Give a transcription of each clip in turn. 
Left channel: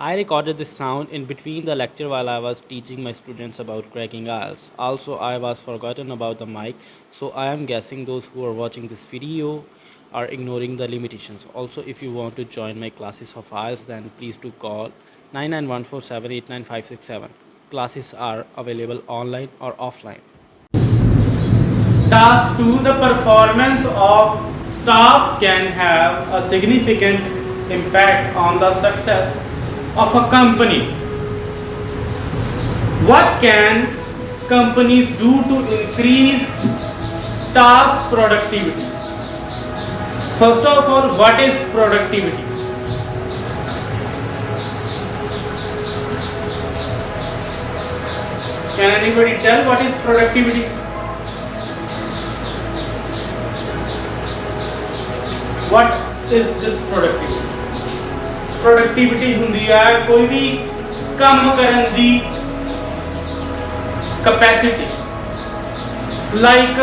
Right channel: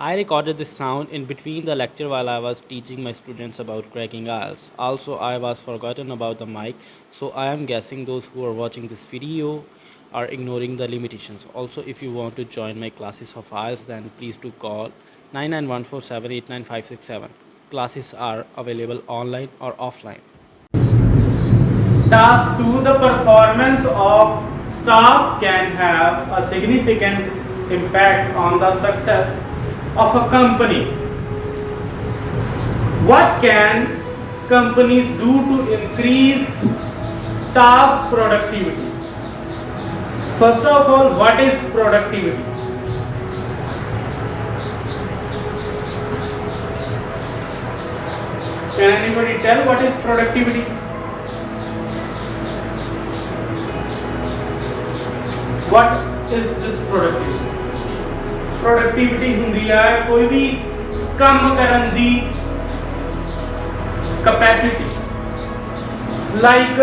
I recorded this sound in between the lecture while I was teaching my students about cracking IELTS. Also, I was forgotten about the mic, so I am guessing those who are watching this video are ignoring the limitations. Also, if you want to join my classes of IELTS, then please do call 9914789567. Classes are available online or offline. Task 2. The performance of staff can have a significant impact on the success of a company. What can companies do to increase staff productivity? First of all, what is productivity? Can anybody tell what is productivity? What is this productivity? Productivity ਹੁੰਦੀ ਹੈ ਕੋਈ ਵੀ ਕੰਮ ਕਰਨ ਦੀ capacity. Like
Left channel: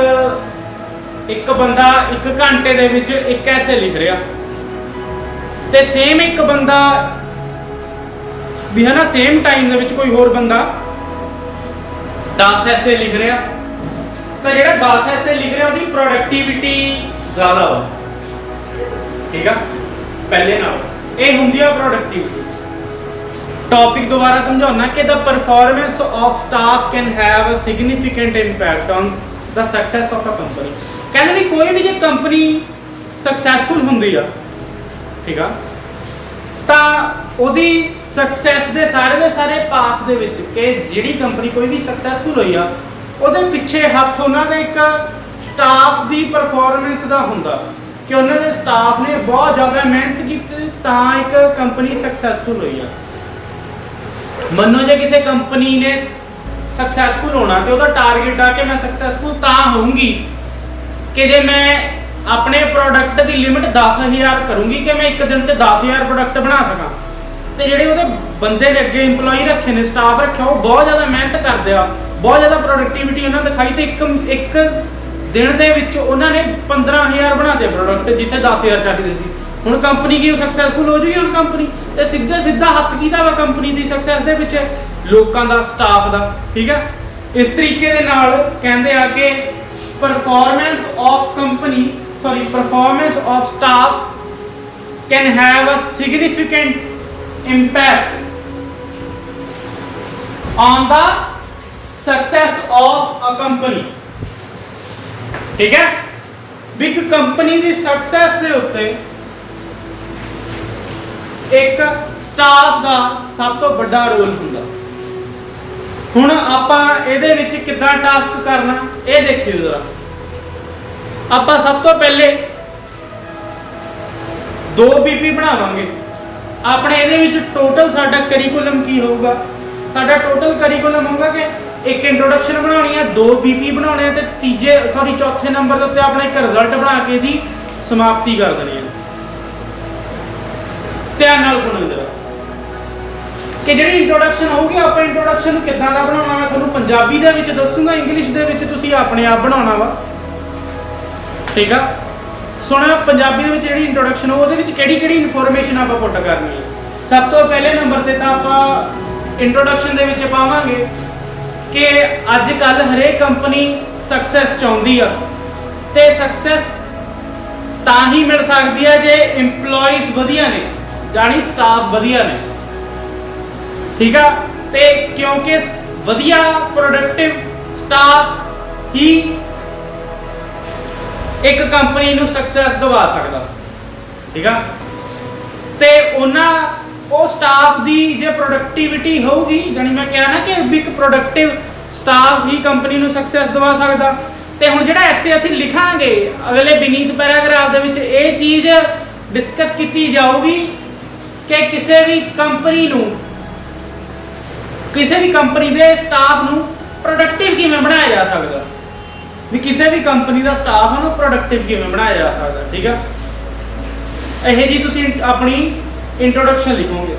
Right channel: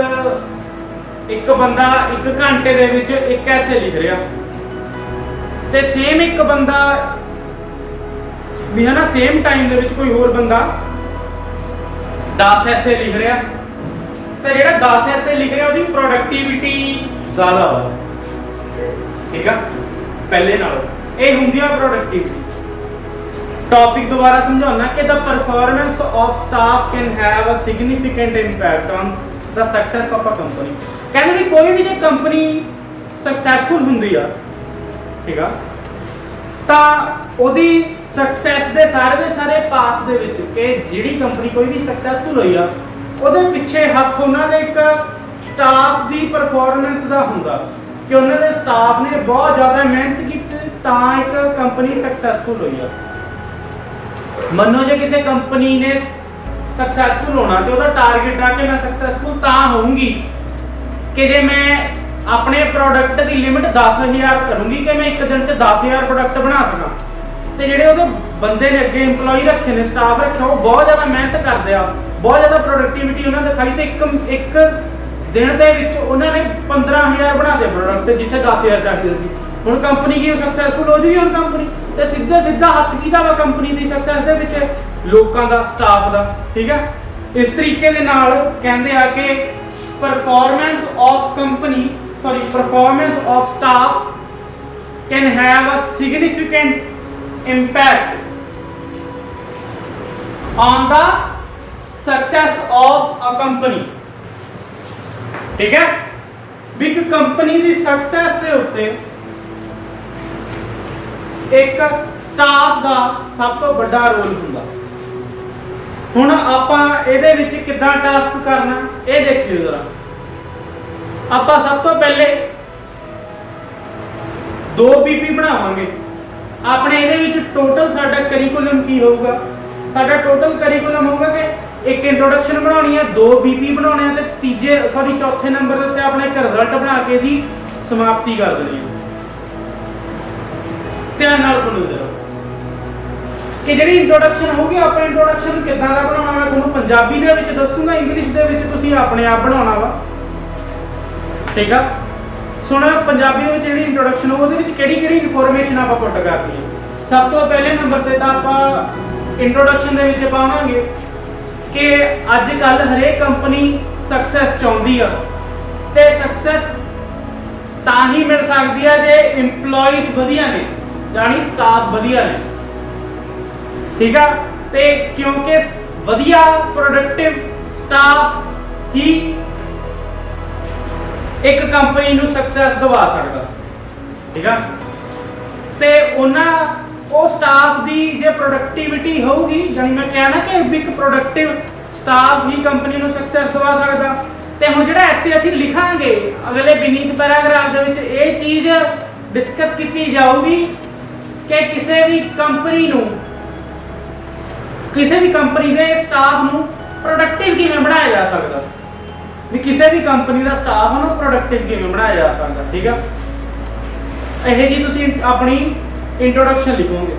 ਇੱਕ ਬੰਦਾ 1 ਘੰਟੇ ਦੇ ਵਿੱਚ ਇੱਕ ਐਸੇ ਲਿਖ ਰਿਹਾ ਤੇ ਸੇਮ ਇੱਕ ਬੰਦਾ ਵੀ ਹੈ ਨਾ ਸੇਮ ਟਾਈਮ ਦੇ ਵਿੱਚ ਕੋਈ ਹੋਰ ਬੰਦਾ 10 ਐਸੇ ਲਿਖ ਰਿਹਾ ਤੇ ਜਿਹੜਾ 10 ਐਸੇ ਲਿਖ ਰਿਹਾ ਉਹਦੀ ਪ੍ਰੋਡਕਟਿਵਿਟੀ ਜ਼ਿਆਦਾ ਹੋ। ठीक है पहले ना ये होंगी प्रोडक्टिविटी। टॉपिक दोबारा समझाना कि the performance of staff can have a significant impact on the success of a company. कहते भी कोई भी जो कंपनी सक्सैसफुल होंगी आ ठीक है तो ਉਹਦੀ सक्सैस ਦੇ ਸਾਰੇ ਪਾਥ ਦੇ ਵਿੱਚ ਕਿ ਜਿਹੜੀ ਕੰਪਨੀ ਕੋਈ ਵੀ सक्सैसफुल ਹੋਈ ਆ ਉਹਦੇ ਪਿੱਛੇ ਹੱਥ ਉਹਨਾਂ ਦੇ ਇੱਕ ਸਟਾਫ ਦੀ ਪਰਫਾਰਮੈਂਸ ਦਾ ਹੁੰਦਾ ਕਿ ਉਹਨਾਂ ਦੇ ਸਟਾਫ ਨੇ ਬਹੁਤ ਜ਼ਿਆਦਾ ਮਿਹਨਤ ਕੀਤੀ ਤਾਂ ਇੱਕ ਕੰਪਨੀ ਸਕਸੈਸਫੁਲ ਹੋਈ ਆ। ਮੰਨੋ ਜੇ ਕਿਸੇ ਕੰਪਨੀ ਨੇ ਸਕਸੈਸਫੁਲ ਹੋਣਾ ਤੇ ਉਹਦਾ ਟਾਰਗੇਟ ਆ ਕਿ ਮੈਂ ਸਕਸੈਸਫੁਲ ਤਾਂ ਹੋਊਂਗੀ ਕਿ ਜੇ ਮੈਂ ਆਪਣੇ ਪ੍ਰੋਡਕਟ ਦੀ ਲਿਮਿਟ 10000 ਕਰੂੰਗੀ ਕਿ ਮੈਂ ਇੱਕ ਦਿਨ 'ਚ 10000 ਪ੍ਰੋਡਕਟ ਬਣਾ ਸਕਾਂ ਤੇ ਜਿਹੜੇ ਉਹਦੇ ਬੰਦੇ ਨੇ ਅੱਗੇ EMPLOYE ਰੱਖੇ ਨੇ ਸਟਾਫ ਰੱਖਿਆ ਉਹ ਬਹੁਤ ਜ਼ਿਆਦਾ ਮਿਹਨਤ ਕਰਦੇ ਆ ਬਹੁਤ ਜ਼ਿਆਦਾ ਪ੍ਰੋਡਕਟਿਵਿਟੀ ਉਹਨਾਂ ਦਿਖਾਈ ਤੇ ਇੱਕ ਦਿਨ ਦੇ ਵਿੱਚ ਉਹਨਾਂ ਨੇ 15000 ਬਣਾਦੇ ਪ੍ਰੋਡਕਟ ਜਿੱਥੇ 10000 ਚਾਹੀਦੇ ਸੀ। ਹੁਣ ਕੰਪਨੀ ਕੀ ਸਕਸੈਸਫੁਲ ਹੋ ਜੂਗੀ ਹੁਣ ਕੰਪਨੀ ਤੇ ਸਿੱਧਾ ਹੱਥ ਕਿਹਦਾ ਵਾ ਕੰਪਨੀ ਦੀ ਸਕਸੈਸ ਦੇ ਵਿੱਚ ਲੋਕਾਂ ਦਾ ਸਟਾਫ ਦਾ ਠੀਕ ਹੈ। ਇਸ ਤਰੀਕੇ ਦੇ ਨਾਲ ਕਹਿੰਦੇ ਆ ਕਿ performance of staff can have a significant impact on the success of a company. ठीक है बिग कंपनी की सक्सेस के उत्ते एक स्टाफ का सब तो बड़ा रोल होंगे। हुण आपां इहदे विच किद्दां टास्क करना ये देखिए जरा। आपां सब तो पहले 2 BP बनावांगे अपने इहदे विच टोटल साडा करिकुलम की होगा। साडा टोटल करिकुलम होगा कि एक इंट्रोडक्शन बनानी है 2 BP बनाने ते चौथे नंबर के उत्ते अपना एक रिजल्ट बना के दी समाप्ति कर देनी है। ध्यान नाल सुनो जरा कि जिहड़ी इंट्रोडक्शन होगी आप इंट्रोडक्शन किद्दां दा बनाउणा मैं तुहानूं पंजाबी दे विच दसूंगा इंग्लिश दे विच तुसीं अपने आप बनाउणा वा ठीक है। सुणो पंजाबी दे विच जिहड़ी इंट्रोडक्शन हो ओहदे विच किहड़ी इनफॉर्मेशन आपां पुट करनी है। सब तो पहले नंबर ते तां आपां इंट्रोडक्शन दे विच पावांगे कि अजकल हरेक कंपनी सक्सैस चाहती है तो सक्सैस तां ही मिल सकती है जे इंप्लॉइज वधिया ने जानी स्टाफ वधिया ने ठीक है। तो क्योंकि वधिया प्रोडक्टिव स्टाफ ही एक कंपनी नूं सक्सैस दवा सकता ठीक है। तो उन्होंने वो स्टाफ की जो प्रोडक्टिविटी होगी जानी मैं क्या ना कि एक प्रोडक्टिव स्टाफ ही कंपनी को सक्सैस दवा सकता। तो हम जो ऐसे असी लिखांगे अगले बीनीत पैराग्राफ के विच ये चीज़ डिस्कस की जाऊगी कि किसी भी कंपनी के स्टाफ को प्रोडक्टिव किवें बनाया जा सकता भी किसी भी कंपनी का स्टाफ को प्रोडक्टिव किवें बनाया जा सकता ठीक है। यह जी तुसीं अपनी इंट्रोडक्शन लिखोगे।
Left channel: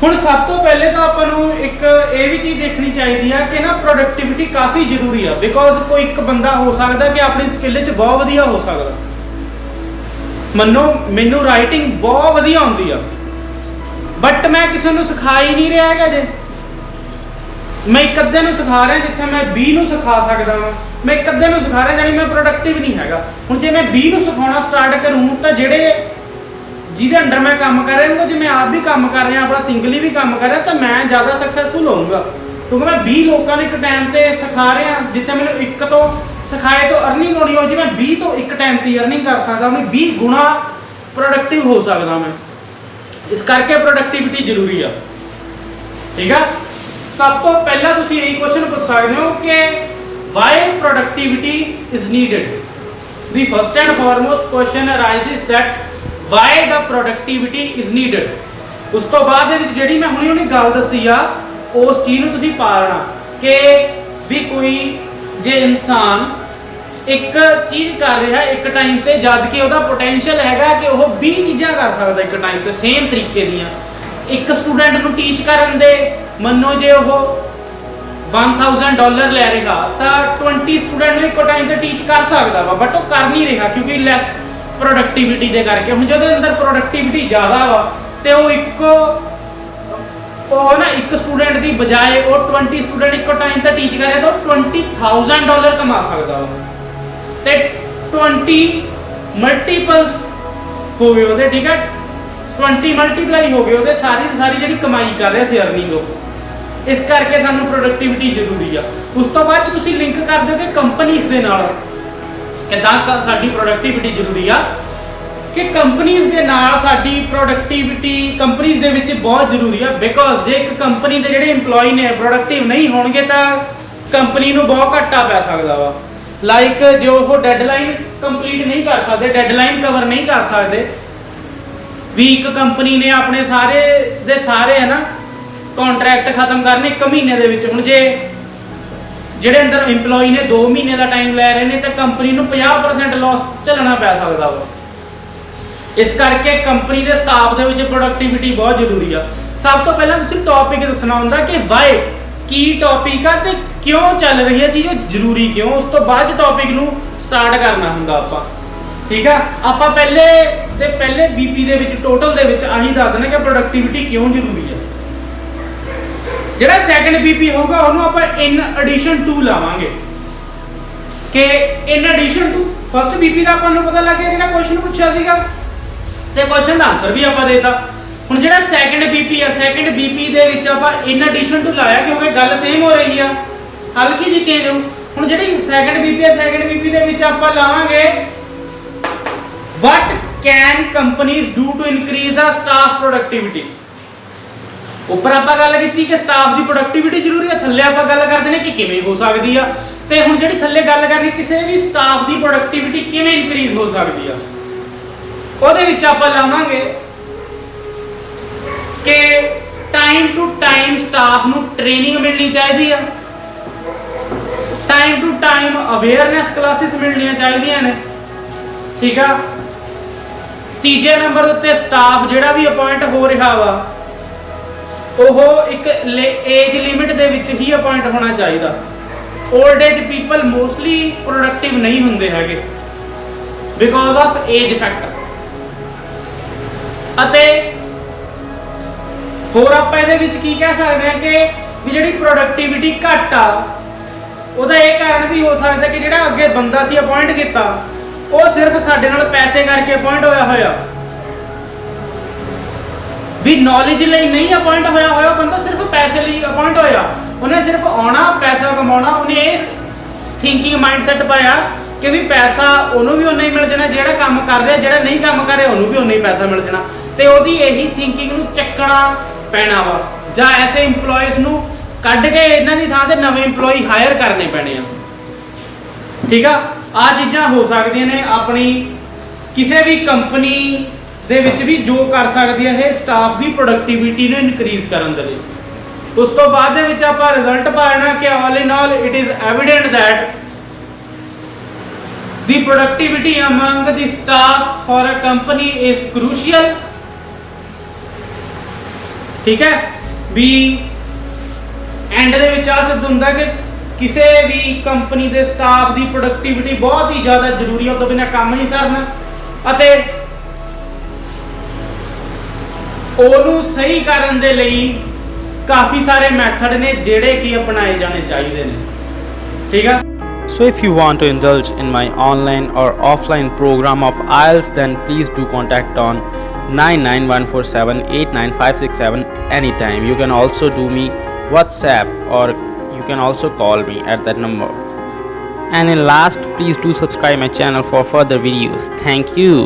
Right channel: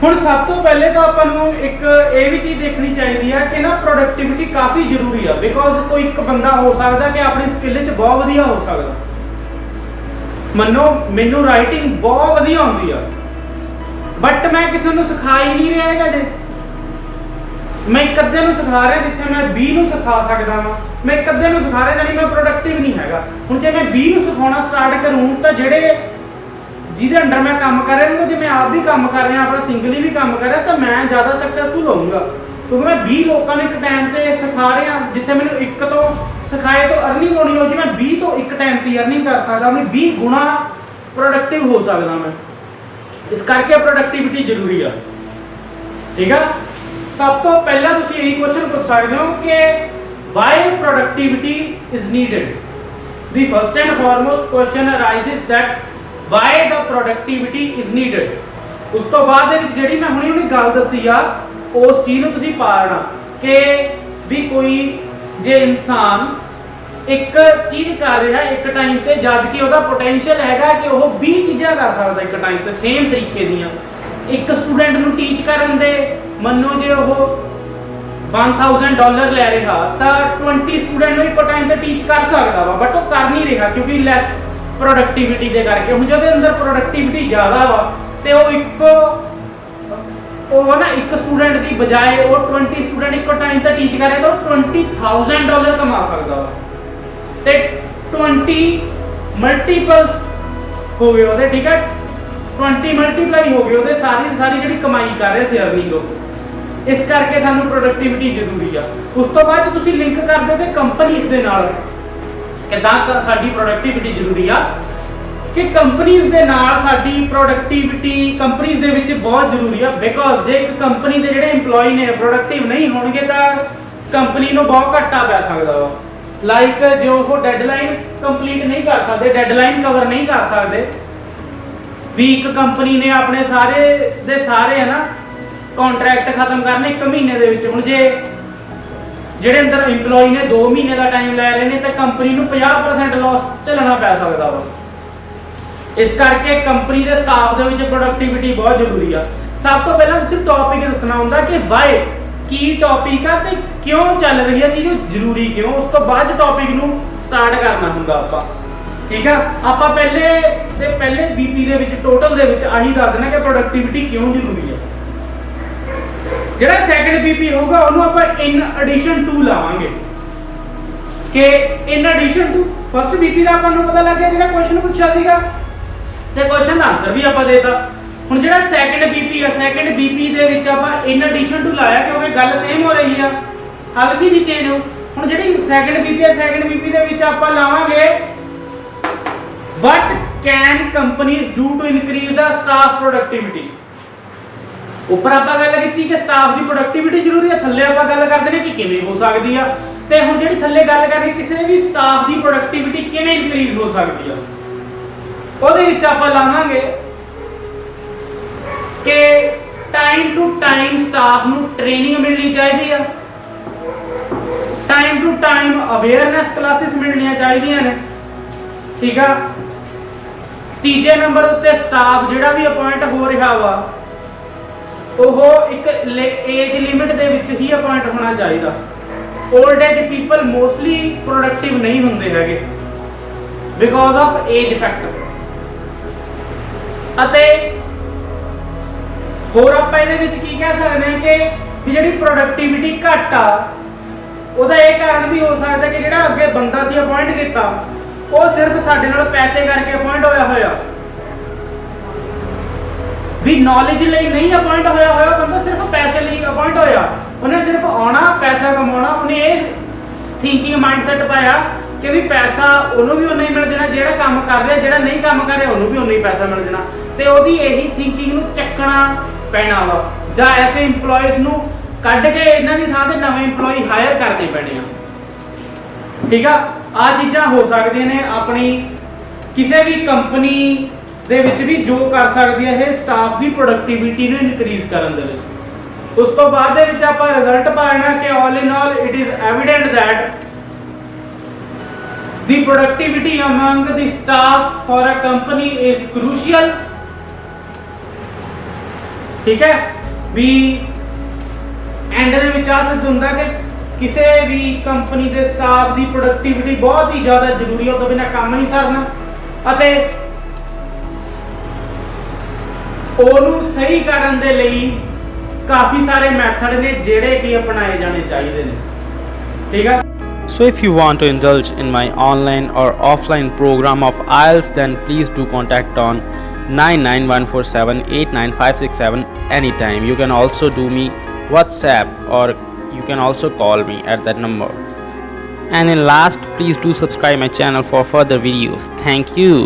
हुण सब तो पहले तो आपां एक ये भी चीज़ देखनी चाहिए है कि ना प्रोडक्टिविटी काफ़ी जरूरी है बिकॉज कोई एक बंदा हो सकता कि अपनी स्किल बहुत वधिया हो सकता। मनो मैनू राइटिंग बहुत वधिया आउंदी आ ਬਟ ਮੈਂ ਕਿਸੇ ਨੂੰ ਸਿਖਾ ਹੀ ਨਹੀਂ ਰਿਹਾ ਹੈਗਾ ਜੇ। ਮੈਂ ਇੱਕ ਅੱਧੇ ਨੂੰ ਸਿਖਾ ਰਿਹਾ ਜਿੱਥੇ ਮੈਂ 20 ਨੂੰ ਸਿਖਾ ਸਕਦਾ ਵਾਂ, ਮੈਂ ਇੱਕ ਅੱਧੇ ਨੂੰ ਸਿਖਾ ਰਿਹਾ ਜਿਹੜੀ ਮੈਂ ਪ੍ਰੋਡਕਟਿਵ ਨਹੀਂ ਹੈਗਾ। ਹੁਣ ਜੇ ਮੈਂ 20 ਨੂੰ ਸਿਖਾਉਣਾ ਸਟਾਰਟ ਕਰੂੰ ਤਾਂ ਜਿਹੜੇ ਜਿਹਦੇ ਅੰਡਰ ਮੈਂ ਕੰਮ ਕਰ ਰਿਹਾ ਹਾਂ, ਜੇ ਮੈਂ ਆਪ ਵੀ ਕੰਮ ਕਰ ਰਿਹਾ, ਆਪਣਾ ਸਿੰਗਲੀ ਵੀ ਕੰਮ ਕਰ ਰਿਹਾ, ਤਾਂ ਮੈਂ ਜ਼ਿਆਦਾ ਸਕਸੈਸਫੁਲ ਹੋਊਂਗਾ ਕਿਉਂਕਿ ਮੈਂ 20 ਲੋਕਾਂ ਨੂੰ ਇੱਕ ਟਾਈਮ ਤੇ ਸਿਖਾ ਰਿਹਾ। ਜਿੱਥੇ ਮੈਨੂੰ ਇੱਕ ਤੋਂ ਸਿਖਾਏ ਤੋਂ ਅਰਨਿੰਗ ਹੋਣੀ ਹੋ, ਜੇ ਮੈਂ 20 ਤੋਂ ਇੱਕ ਟਾਈਮ ਤੇ ਅਰਨਿੰਗ ਕਰ ਸਕਦਾ, ਆਪਣੀ 20 ਗੁਣਾ ਪ੍ਰੋਡਕਟਿਵ ਹੋ ਸਕਦਾ ਮੈਂ। ਇਸ ਕਰਕੇ ਪ੍ਰੋਡਕਟਿਵਿਟੀ ਜ਼ਰੂਰੀ ਆ। ਠੀਕ ਆ, ਸਭ ਤੋਂ ਪਹਿਲਾਂ ਤੁਸੀਂ ਇਹ ਕੁਐਸਚਨ ਪੁੱਛ ਸਕਦੇ ਹੋ ਕਿ why productivity is needed. The first and foremost question arises that why the productivity is needed. ਉਸ ਤੋਂ ਬਾਅਦ ਦੇ ਵਿੱਚ ਜਿਹੜੀ ਮੈਂ ਹੁਣੀ ਗੱਲ ਦੱਸੀ ਆ, ਉਸ ਚੀਜ਼ ਨੂੰ ਤੁਸੀਂ ਪਾਲਣਾ ਕਿ ਵੀ ਕੋਈ ਜੇ ਇਨਸਾਨ ਇੱਕ ਚੀਜ਼ ਕਰ ਰਿਹਾ ਇੱਕ ਟਾਈਮ ਤੇ, ਜਦ ਕਿ ਉਹਦਾ ਪੋਟੈਂਸ਼ੀਅਲ ਹੈਗਾ ਕਿ ਉਹ 20 ਚੀਜ਼ਾਂ ਕਰ ਸਕਦਾ ਇੱਕ ਟਾਈਮ ਤੇ ਸੇਮ ਤਰੀਕੇ ਦੀਆਂ। ਇੱਕ ਸਟੂਡੈਂਟ ਨੂੰ ਟੀਚ ਕਰਨ ਦੇ ਮੰਨੋ ਜੇ ਉਹ $1000 ਲੈ ਰਿਹਾ ਤਾਂ 20 ਸਟੂਡੈਂਟ ਨੂੰ ਇੱਕੋ ਟਾਈਮ ਤੇ ਟੀਚ ਕਰ ਸਕਦਾ ਵਾ, ਬਟ ਉਹ ਕਰ ਨਹੀਂ ਰਿਹਾ ਕਿਉਂਕਿ ਲੈਸ ਪ੍ਰੋਡਕਟਿਵਿਟੀ ਦੇ ਕਰਕੇ। ਹੁਣ ਜਿਹਦੇ ਅੰਦਰ ਪ੍ਰੋਡਕਟਿਵਿਟੀ ਜ਼ਿਆਦਾ ਵਾ ਤੇ ਉਹ ਇੱਕ ਸਟੂਡੈਂਟ ਦੀ ਬਜਾਏ ਉਹ 20 ਸਟੂਡੈਂਟ ਇੱਕੋ ਟਾਈਮ ਤੇ ਟੀਚ ਕਰੇ ਤਾਂ $20,000 ਕਮਾ ਸਕਦਾ ਵਾ ਤੇ 20 ਮਲਟੀਪਲਸ ਹੋ ਗਏ ਉਹਦੇ। ਠੀਕ ਹੈ, 20 ਮਲਟੀਪਲਾਈ ਹੋ ਗਏ ਉਹਦੇ ਸਾਰੀ ਦੀ ਸਾਰੀ ਜਿਹੜੀ ਕਮਾਈ ਕਰ ਰਿਹਾ ਸੀ ਅਰਨਿੰਗ ਉਹ। ਇਸ ਕਰਕੇ ਸਾਨੂੰ ਪ੍ਰੋਡਕਟਿਵਿਟੀ ਜ਼ਰੂਰੀ ਆ। ਉਸ ਤੋਂ ਬਾਅਦ ਤੁਸੀਂ ਲਿੰਕ ਕਰ ਦਿਓ ਕਿ ਕੰਪਨੀਆਂ ਦੇ ਨਾਲ ਕਿਦਾਂ ਸਾਡੀ ਪ੍ਰੋਡਕਟਿਵਿਟੀ ਜ਼ਰੂਰੀ ਆ, ਕਿ ਕੰਪਨੀਆਂ ਦੇ ਨਾਲ ਸਾਡੀ ਪ੍ਰੋਡਕਟਿਵਿਟੀ ਕੰਪਨੀਆਂ ਦੇ ਵਿੱਚ ਬਹੁਤ ਜ਼ਰੂਰੀ ਆ। ਬਿਕੋਜ਼ ਜੇ ਇੱਕ ਕੰਪਨੀ ਦੇ ਜਿਹੜੇ EMPLOYE ਨੇ ਪ੍ਰੋਡਕਟਿਵ ਨਹੀਂ ਹੋਣਗੇ ਤਾਂ ਕੰਪਨੀ ਨੂੰ ਬਹੁਤ ਘਾਟਾ ਪੈ ਸਕਦਾ ਵਾ। ਲਾਈਕ ਜੇ ਉਹ ਡੈਡਲਾਈਨ ਕੰਪਲੀਟ ਨਹੀਂ ਕਰ ਸਕਦੇ, ਡੈਡਲਾਈਨ ਕਵਰ ਨਹੀਂ ਕਰ ਸਕਦੇ, ਵੀ ਇੱਕ ਕੰਪਨੀ ਨੇ ਆਪਣੇ ਸਾਰੇ ਦੇ ਸਾਰੇ ਹੈ ਨਾ ਕੰਟਰੈਕਟ ਖਤਮ ਕਰਨੇ 1 ਮਹੀਨੇ ਦੇ ਵਿੱਚ। ਹੁਣ ਜੇ ਜਿਹੜੇ ਅੰਦਰ EMPLOYE ਨੇ 2 ਮਹੀਨੇ ਦਾ ਟਾਈਮ ਲੈ ਰਹੇ ਨੇ ਤਾਂ ਕੰਪਨੀ ਨੂੰ 50% ਲਾਸ ਝੱਲਣਾ ਪੈ ਸਕਦਾ ਵਾ। ਇਸ ਕਰਕੇ ਕੰਪਨੀ ਦੇ ਸਟਾਫ ਦੇ ਵਿੱਚ ਪ੍ਰੋਡਕਟਿਵਿਟੀ ਬਹੁਤ ਜ਼ਰੂਰੀ ਆ। ਸਭ ਤੋਂ ਪਹਿਲਾਂ ਤੁਸੀਂ ਟੌਪਿਕ ਦੱਸਣਾ ਹੁੰਦਾ ਕਿ ਵਾਈ ਕੀ ਟੌਪਿਕ ਆ ਤੇ ਕਿਉਂ ਚੱਲ ਰਹੀ ਹੈ ਚੀਜ਼, ਜ਼ਰੂਰੀ ਕਿਉਂ। ਉਸ ਤੋਂ ਬਾਅਦ ਟੌਪਿਕ ਨੂੰ ਸਟਾਰਟ ਕਰਨਾ ਹੁੰਦਾ ਆਪਾਂ। ਠੀਕ ਆ, ਆਪਾਂ ਪਹਿਲੇ BP ਦੇ ਵਿੱਚ ਟੋਟਲ ਦੇ ਵਿੱਚ ਆਹੀ ਦੱਸ ਦੇਣਾ ਕਿ ਪ੍ਰੋਡਕਟਿਵਿਟੀ ਕਿਉਂ ਜ਼ਰੂਰੀ ਹੈ। ਜਿਹੜਾ ਸੈਕੰਡ BP ਹੋਊਗਾ ਉਹਨੂੰ ਆਪਾਂ ਇਨ ਐਡੀਸ਼ਨ ਟੂ ਲਾਵਾਂਗੇ ਕਿ in addition to first BP ਦਾ ਆਪਾਂ ਨੂੰ ਪਤਾ ਲੱਗ ਗਿਆ ਜਿਹੜਾ ਕੁਐਸਚਨ ਪੁੱਛਿਆ ਸੀਗਾ ਤੇ ਕੁਐਸਚਨ ਦਾ ਆਨਸਰ ਵੀ ਆਪਾਂ ਦੇਤਾ। ਹੁਣ ਜਿਹੜਾ ਸੈਕੰਡ BP ਆ, ਸੈਕੰਡ BP ਦੇ ਵਿੱਚ ਆਪਾਂ ਇਨ ਐਡੀਸ਼ਨ ਟੂ ਲਾਇਆ ਕਿਉਂਕਿ ਗੱਲ ਸੇਮ ਹੋ ਰਹੀ ਆ, ਹਲਕੀ ਜਿਹੀ ਚੇਂਜ ਹੋ। ਹੁਣ ਜਿਹੜੀ ਸੈਕੰਡ BP ਆ, ਸੈਕੰਡ BP ਦੇ ਵਿੱਚ ਆਪਾਂ ਲਾਵਾਂਗੇ what can companies do to increase the staff productivity। ਉੱਪਰ ਆਪਾਂ ਗੱਲ ਕੀਤੀ ਕਿ ਸਟਾਫ ਦੀ ਪ੍ਰੋਡਕਟਿਵਿਟੀ ਜ਼ਰੂਰੀ ਹੈ, ਥੱਲੇ ਆਪਾਂ ਗੱਲ ਕਰਦੇ ਨੇ ਕਿ ਕਿਵੇਂ ਹੋ ਸਕਦੀ ਆ। ਤੇ ਹੁਣ ਜਿਹੜੀ ਥੱਲੇ ਗੱਲ ਕਰਨੀ ਕਿਸੇ ਵੀ ਸਟਾਫ ਦੀ ਪ੍ਰੋਡਕਟਿਵਿਟੀ ਕਿਵੇਂ ਇਨਕਰੀਜ਼ ਹੋ ਸਕਦੀ ਆ, ਉਹਦੇ ਵਿੱਚ ਆਪਾਂ ਲਾਵਾਂਗੇ ਕਿ ਟਾਈਮ ਟੂ ਟਾਈਮ ਸਟਾਫ ਨੂੰ ਟ੍ਰੇਨਿੰਗ ਮਿਲਣੀ ਚਾਹੀਦੀ ਆ, time to time awareness classes ਮਿਲਣੀਆਂ ਚਾਹੀਦੀਆਂ ਨੇ। ਠੀਕ ਆ, ਤੀਜੇ ਨੰਬਰ ਉੱਤੇ ਸਟਾਫ ਜਿਹੜਾ ਵੀ ਅਪਾਇੰਟ ਹੋ ਰਿਹਾ ਵਾ ਉਹ ਇੱਕ ਏਜ ਲਿਮਿਟ ਦੇ ਵਿੱਚ ਹੀ ਅਪਾਇੰਟ ਹੋਣਾ ਚਾਹੀਦਾ। Old age people mostly productive ਨਹੀਂ ਹੁੰਦੇ ਹੈਗੇ ਬਿਕੋਜ਼ ਆਫ ਏਜ ਇਫੈਕਟ। ਅਤੇ ਹੋਰ ਆਪਾਂ ਇਹਦੇ ਵਿੱਚ ਕੀ ਕਹਿ ਸਕਦੇ ਹਾਂ ਕਿ ਜਿਹੜੀ ਪ੍ਰੋਡਕਟਿਵਿਟੀ ਘੱਟ ਆ ਉਹਦਾ ਇਹ ਕਾਰਨ ਵੀ ਹੋ ਸਕਦਾ ਕਿ ਜਿਹੜਾ ਅੱਗੇ ਬੰਦਾ ਸੀ ਅਪਾਇੰਟ ਕੀਤਾ ਉਹ ਸਿਰਫ ਸਾਡੇ ਨਾਲ ਪੈਸੇ ਕਰਕੇ ਅਪਾਇੰਟ ਹੋਇਆ ਵੀ ਨੌਲੇਜ ਲਈ ਨਹੀਂ ਅਪਾਇੰਟ ਹੋਇਆ ਬੰਦਾ ਸਿਰਫ ਪੈਸੇ ਲਈ ਅਪਾਇੰਟ ਹੋਇਆ। ਉਹਨੇ ਸਿਰਫ ਆਉਣਾ ਪੈਸਾ ਕਮਾਉਣਾ, ਉਹਨੇ ਇਹ ਥਿੰਕਿੰਗ ਮਾਈਂਡਸੈਟ ਪਾਇਆ ਕਿ ਵੀ ਪੈਸਾ ਉਹਨੂੰ ਵੀ ਉਨਾ ਹੀ ਮਿਲ ਜਾਣਾ ਜਿਹੜਾ ਕੰਮ ਕਰ ਰਿਹਾ, ਜਿਹੜਾ ਨਹੀਂ ਕੰਮ ਕਰ ਰਿਹਾ ਉਹਨੂੰ ਵੀ ਉਨਾ ਹੀ ਪੈਸਾ ਮਿਲ ਜਾਣਾ। ਤੇ ਉਹਦੀ ਇਹੀ ਥਿੰਕਿੰਗ ਨੂੰ ਚੱਕਣਾ ਪੈਣਾ ਵਾ ਜਾਂ ਐਸੇ EMPLOYEES ਨੂੰ ਕੱਢ ਕੇ ਇਹਨਾਂ ਦੀ ਥਾਂ ਤੇ ਨਵੇਂ EMPLOYEE ਹਾਇਰ ਕਰਨੇ ਪੈਣੇ ਆ। ਠੀਕ ਆ, ਆ ਚੀਜ਼ਾਂ ਹੋ ਸਕਦੀਆਂ ਨੇ ਆਪਣੀ ਕਿਸੇ ਵੀ ਕੰਪਨੀ ਦੇ ਵਿੱਚ ਵੀ ਜੋ ਕਰ ਸਕਦੀ ਹੈ ਇਹ ਸਟਾਫ ਦੀ ਪ੍ਰੋਡਕਟਿਵਿਟੀ ਨੂੰ ਇਨਕਰੀਜ਼ ਕਰਨ ਦੇ ਲਈ। ਉਸ ਤੋਂ ਬਾਅਦ ਦੇ ਵਿੱਚ ਆਪਾਂ ਰਿਜ਼ਲਟ ਪਾਣਾ ਕਿ all in all it is evident that the productivity among the staff for a company is crucial. ਠੀਕ ਹੈ, ਵੀ ਐਂਡ ਦੇ ਵਿੱਚ ਆ ਸਿੱਧ ਹੁੰਦਾ ਕਿ ਕਿਸੇ ਵੀ ਕੰਪਨੀ ਦੇ ਸਟਾਫ ਦੀ ਪ੍ਰੋਡਕਟਿਵਿਟੀ ਬਹੁਤ ਹੀ ਜ਼ਿਆਦਾ ਜ਼ਰੂਰੀ ਹੈ, ਉਹ ਤੋਂ ਬਿਨਾਂ ਕੰਮ ਨਹੀਂ ਸਰਨਾ। ਅਤੇ ਉਹਨੂੰ ਸਹੀ ਕਰਨ ਦੇ ਲਈ ਕਾਫੀ ਸਾਰੇ ਮੈਥਡ ਨੇ ਜਿਹੜੇ ਕਿ ਅਪਣਾਏ ਜਾਣੇ ਚਾਹੀਦੇ ਨੇ, ਠੀਕ ਆ। So if you want to indulge in my online or offline program of IELTS, then please do contact on 991478957 anytime. You can also do me WhatsApp, or you can also call me at that number. And in last, please do subscribe my channel for further videos. Thank you.